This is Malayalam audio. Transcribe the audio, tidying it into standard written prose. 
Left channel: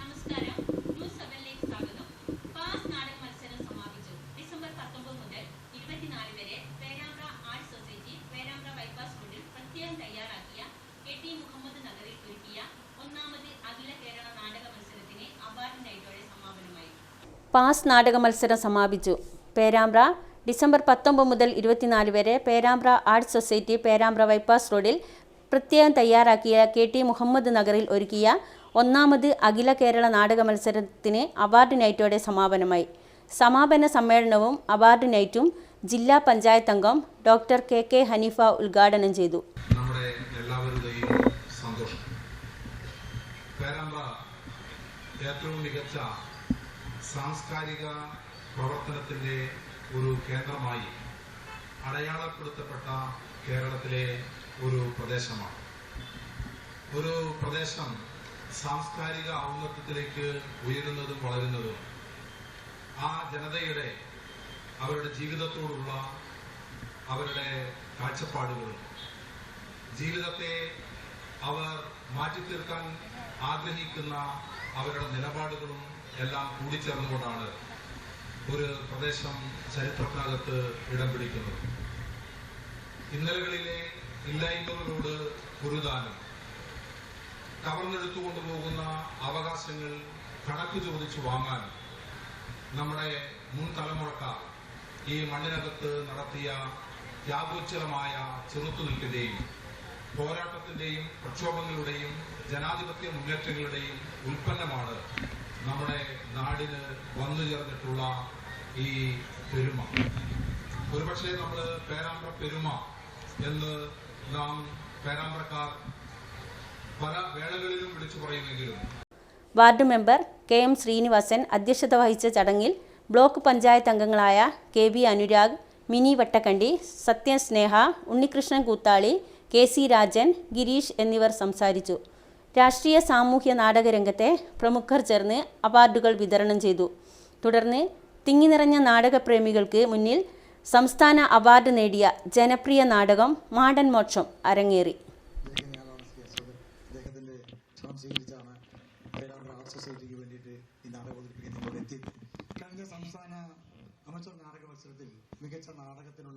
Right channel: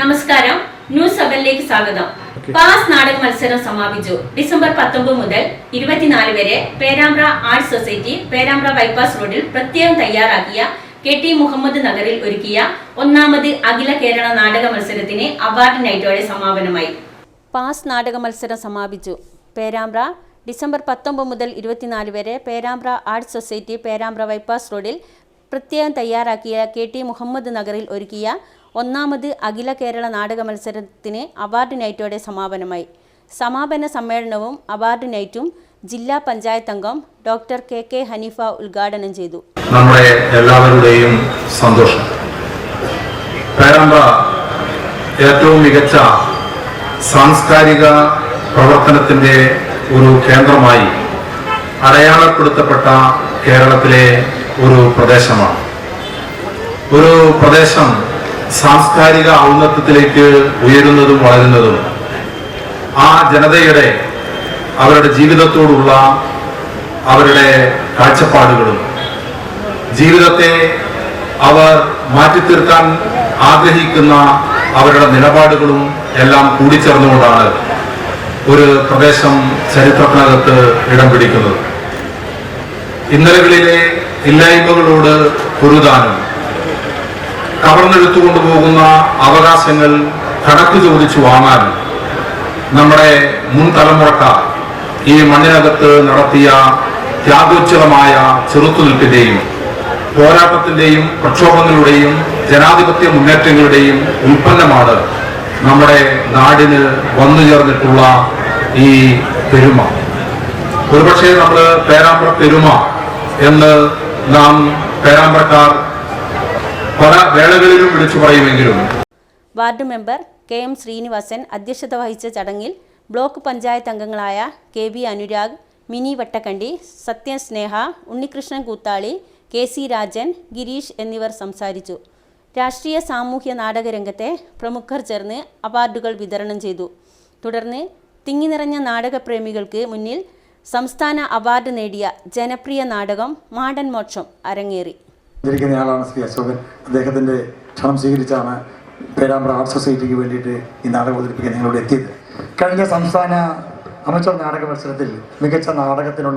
നമസ്കാരം, ന്യൂസ് 7ലേക്ക് സ്വാഗതം. പാസ് നാടക മത്സരം സമാപിച്ചു. ഡിസംബർ 19 മുതൽ 24 വരെ Perambra arts society Perambra bypass റോഡിൽ പ്രത്യേകം തയ്യാറാക്കിയ KT മുഹമ്മദ് നഗറിൽ ഒരുക്കിയ ഒന്നാമത് അഖില കേരള നാടക മത്സരത്തിന് അവാർഡ് നൈറ്റോടെ സമാപനമായി. പാസ് നാടക മത്സരം സമാപിച്ചു. പേരാമ്പ്ര ഡിസംബർ 19 മുതൽ 24 വരെ Perambra arts society Perambra bypass റോഡിൽ പ്രത്യേകം തയ്യാറാക്കിയ KT മുഹമ്മദ് നഗറിൽ ഒരുക്കിയ ഒന്നാമത് അഖില കേരള നാടക മത്സരത്തിന് അവാർഡ് നൈറ്റോടെ സമാപനമായി. സമാപന സമ്മേളനവും അവാർഡ് നൈറ്റും ജില്ലാ പഞ്ചായത്ത് അംഗം ഡോക്ടർ KK ഹനീഫ ഉദ്ഘാടനം ചെയ്തു. നമ്മുടെ എല്ലാവരുടെയും സന്തോഷം. പേരാമ്പ്ര ഏറ്റവും മികച്ച സാംസ്കാരിക പ്രവർത്തനത്തിന്റെ ഒരു കേന്ദ്രമായി അടയാളപ്പെടുത്തപ്പെട്ട കേരളത്തിലെ ഒരു പ്രദേശമാണ്. ഒരു പ്രദേശം സാംസ്കാരിക ഔന്നത്യത്തിലേക്ക് ഉയരുന്നതും വളരുന്നതും ആ ജനതയുടെ അവരുടെ ജീവിതത്തോടുള്ള അവരുടെ കാഴ്ചപ്പാടുകളും ജീവിതത്തെ അവർ മാറ്റിത്തീർക്കാൻ ആഗ്രഹിക്കുന്ന അവരുടെ നിലപാടുകളും എല്ലാം കൂടിച്ചേർന്നുകൊണ്ടാണ് ഒരു പ്രദേശം ചരിത്രത്തിനകത്ത് ഇടം പിടിക്കുന്നത്. ഇന്നലകളിലെ ഇല്ലായ്മകളോട് പൊരുതാനും കവർന്നെടുത്തുകൊണ്ടുപോകുന്ന അവകാശങ്ങൾ കണക്ക് ചോദിച്ചു വാങ്ങാനും നമ്മുടെ മുൻ തലമുറക്കാർ ഈ മണ്ണിനകത്ത് നടത്തിയ ത്യാഗോജ്വലമായ ചെറുത്തുനിൽപ്പിന്റെയും പോരാട്ടത്തിന്റെയും പ്രക്ഷോഭങ്ങളുടെയും ജനാധിപത്യ മുന്നേറ്റങ്ങളുടെയും ഉൽപ്പന്നമാണ് നമ്മുടെ നാടിന് വന്നു ചേർന്നിട്ടുള്ള ഈ പെരുമ. ഒരുപക്ഷെ നമ്മൾ പേരാമ്പ്ര പെരുമ എന്ന് നാം പേരാമ്പ്രക്കാർ പല വേളകളിലും വിളിച്ചു പറയുമെങ്കിലും വാർഡ് മെമ്പർ KM ശ്രീനിവാസൻ അധ്യക്ഷത വഹിച്ച ചടങ്ങിൽ ബ്ലോക്ക് പഞ്ചായത്ത് അംഗങ്ങളായ KB അനുരാഗ്, മിനി വട്ടക്കണ്ടി, സത്യൻ സ്നേഹ, ഉണ്ണികൃഷ്ണൻ കൂത്താളി, KC രാജൻ, ഗിരീഷ് എന്നിവർ സംസാരിച്ചു. രാഷ്ട്രീയ സാമൂഹ്യ നാടകരംഗത്തെ പ്രമുഖർ ചേർന്ന് അവാർഡുകൾ വിതരണം ചെയ്തു. തുടർന്ന് തിങ്ങി നിറഞ്ഞ നാടകപ്രേമികൾക്ക് മുന്നിൽ സംസ്ഥാന അവാർഡ് നേടിയ ജനപ്രിയ നാടകം മാടൻ മോക്ഷം അരങ്ങേറി. ആളാണ് ശ്രീ അശോകൻ. അദ്ദേഹത്തിൻ്റെ ക്ഷണം സ്വീകരിച്ചാണ് പേരാമ്പ്ര ആർട്സ് സൊസൈറ്റിക്ക് വേണ്ടിയിട്ട് ഈ നാടകം അവതരിപ്പിക്കാൻ നിങ്ങളോട് എത്തിയത്. കഴിഞ്ഞ സംസ്ഥാന അമച്ചർ നാടക മത്സരത്തിൽ മികച്ച നാടകത്തിനുള്ള